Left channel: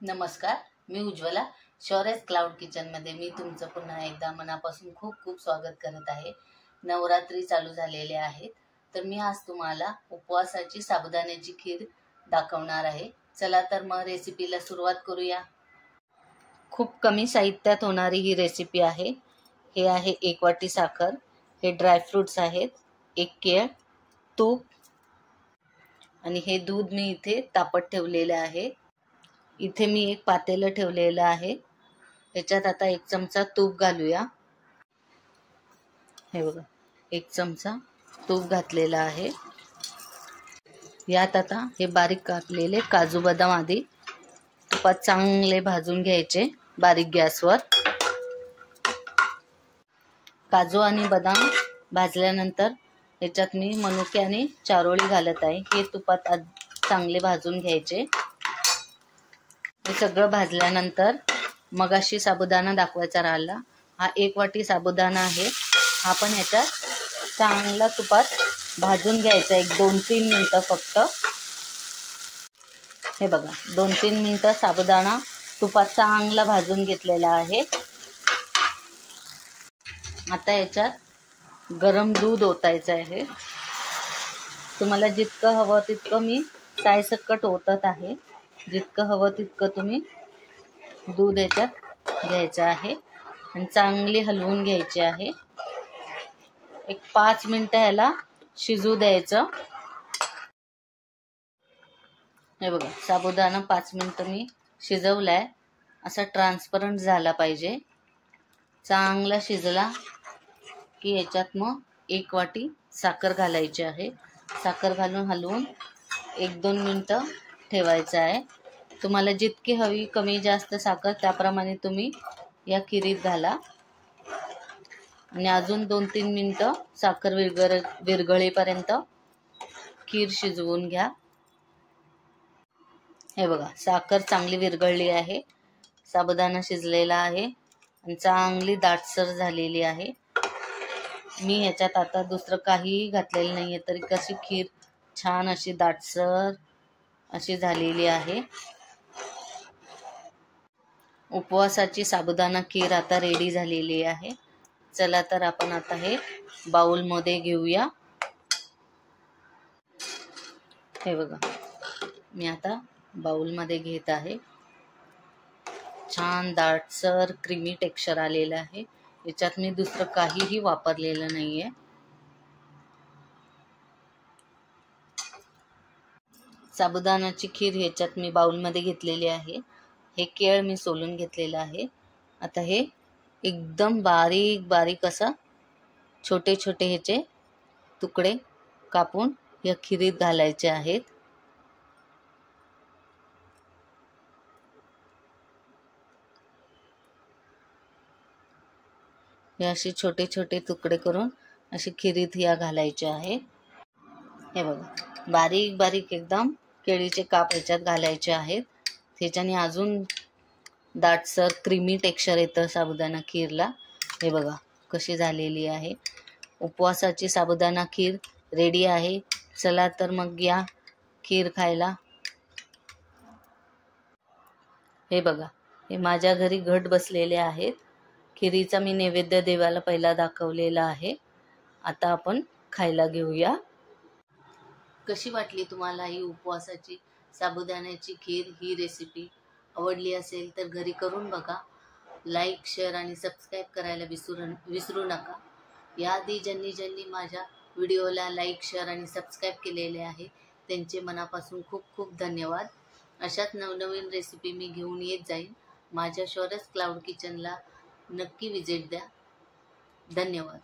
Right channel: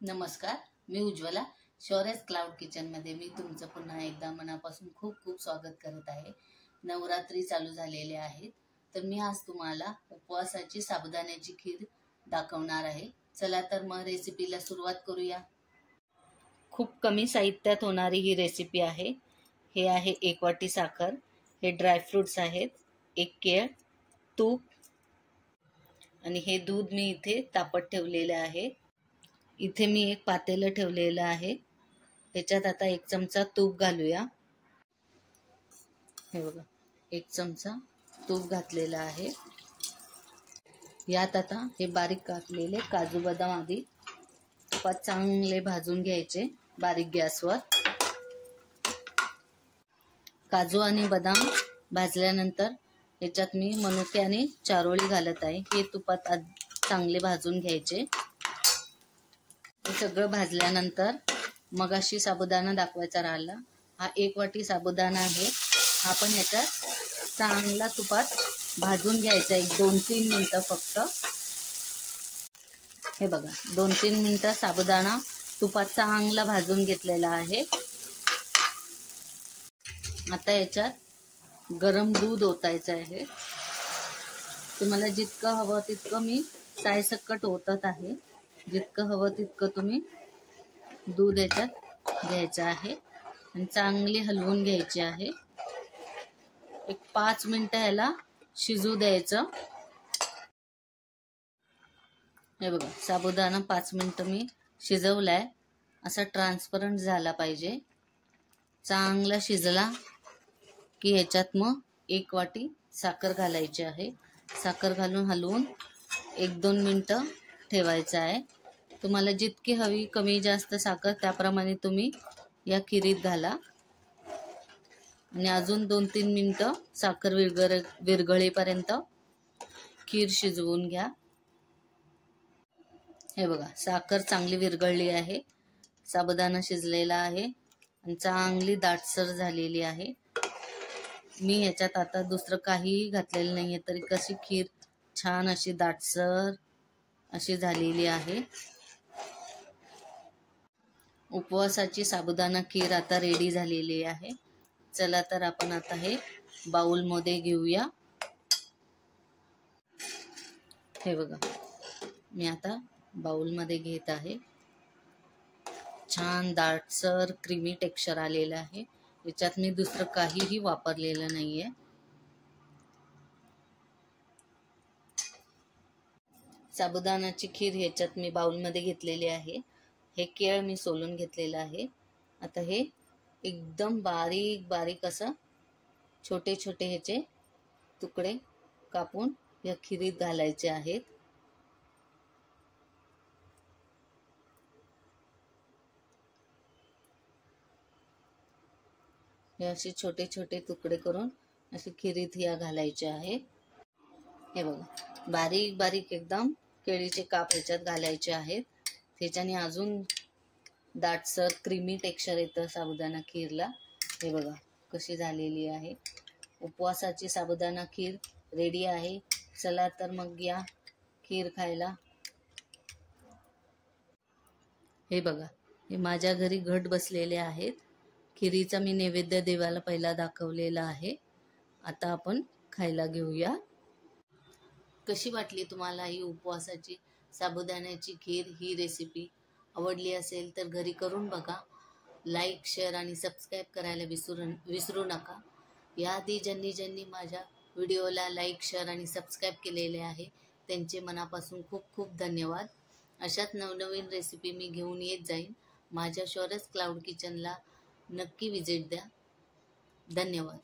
नमस्कार, मी उज्ज्वला. शौर्यस क्लाउड किचनमध्ये मी तुमचं पुन्हा एकदा मनापासून खूप खूप स्वागत करत आहे. नवरात्री चालू झालेले आहेत, तर मी आज तुम्हाला उपवासाची साबुदाण्याची खीर दाखवणार आहे. चला तर मग रेसिपीला सुरुवात करूया. खूप कमी साहित्यात होणारी ही रेसिपी आहे. हे आहे 1 वाटी साखर, हे ड्रायफ्रुट्स आहेत, 1 केळ, तूप आणि हे दूध मी इथे तापत ठेवलेले आहे. इथे मी एक पातेलं ठेवलेलं आहे. त्याच्यात आता 1 चमचा तूप घालूया. हे बघा, 1 चमचा तूप घातलेला आहे. यात आता हे बारीक कापलेले काजू बदाम आधी तुपात चांगले भाजून घ्यायचे बारीक गॅसवर. काजू आणि बदाम भाजल्यानंतर याच्यात मी मनुके आणि चारोळी घालत आहे. हे तुपात चांगले भाजून घ्यायचे. हे सगळं भाजल्यानंतर मगाशी साबुदाणा दाखवायचा राहिला. हा 1 वाटी साबुदाणा आहे. हा पण याच्यात चांगला तुपात भाजून घ्यायचा. 2-3 मिनिटं फक्त. हे बघा, 2-3 मिनिटं साबुदाणा तुपात चांगला भाजून घेतलेला आहे. आता याच्यात गरम दूध ओतायचं आहे. तुम्हाला जितकं हवं तितकं मी सायसकट ओतत आहे. जितकं हवं तितकं तुम्ही दूध याच्यात घ्यायचं आहे आणि चांगली हलवून घ्यायची आहे. 5 मिनिटं याला शिजू द्यायचं. हे बघा, साबुदाणा 5 मिनिटं मी शिजवलाय. असा ट्रान्सपरंट झाला पाहिजे. चांगला शिजला की ह्याच्यात मग 1 वाटी साखर घालायची आहे. साखर घालून हलवून 1-2 मिनिटं ठेवायचं आहे. तुम्हाला जितकी हवी, कमी जास्त साखर त्याप्रमाणे तुम्ही या खिरीत घाला आणि अजून 2-3 मिनिटं साखर विरघळेपर्यंत खीर शिजवून घ्या. हे बघा, साखर चांगली विरघळली आहे, साबुदाणा शिजलेला आहे आणि चांगली दाटसर झालेली आहे. मी ह्याच्यात आता दुसरं काहीही घातलेलं नाही आहे, तरी कशी खीर छान अशी दाटसर अशी झालेली आहे. उपवासाची साबुदाणा खीर आता रेडी झालेली आहे. चला तर आपण आता हे बाउलमध्ये घेऊया. हे बघा, मी आता बाउलमध्ये घेत आहे. छान दाटसर क्रीमी टेक्स्चर आलेलं आहे. याच्यात मी दुसरं काहीही वापरलेलं नाहीये. साबुदाण्याची खीर ह्याच्यात मी बाउलमध्ये घेतलेली आहे. हे केळ मी सोलून घेतलेलं आहे. आता हे एकदम बारीक बारीक असं छोटे छोटे ह्याचे तुकडे कापून या खिरीत घालायचे आहेत. हे असे छोटे छोटे तुकडे करून अशी खिरीत या घालायचे आहेत. हे बघा, बारीक बारीक एकदम केळीचे काप ह्याच्यात घालायचे आहेत. त्याच्याने अजून दाटसर क्रीमी टेक्स्चर येतं साबुदाणा खीरला. हे बघा कशी झालेली आहे. उपवासाची साबुदाणा खीर रेडी आहे. चला तर मग या खीर खायला. हे बघा, हे माझ्या घरी घट बसलेले आहेत. खिरीचा मी नैवेद्य देवाला पहिला दाखवलेला आहे. आता आपण खायला घेऊया. कशी वाटली तुम्हाला ही उपवासाची साबुदाण्याची खीर? ही रेसिपी आवडली असेल तर घरी करून बघा. लाईक, शेअर आणि सबस्क्राईब करायला विसरू नका. याआधी ज्यांनी माझ्या व्हिडिओला लाईक, शेअर आणि सबस्क्राईब केलेले आहे त्यांचे मनापासून खूप खूप धन्यवाद. अशाच नवनवीन रेसिपी मी घेऊन येत जाईन. माझ्या शौर्यस क्लाउड किचनला नक्की विजिट द्या. धन्यवाद.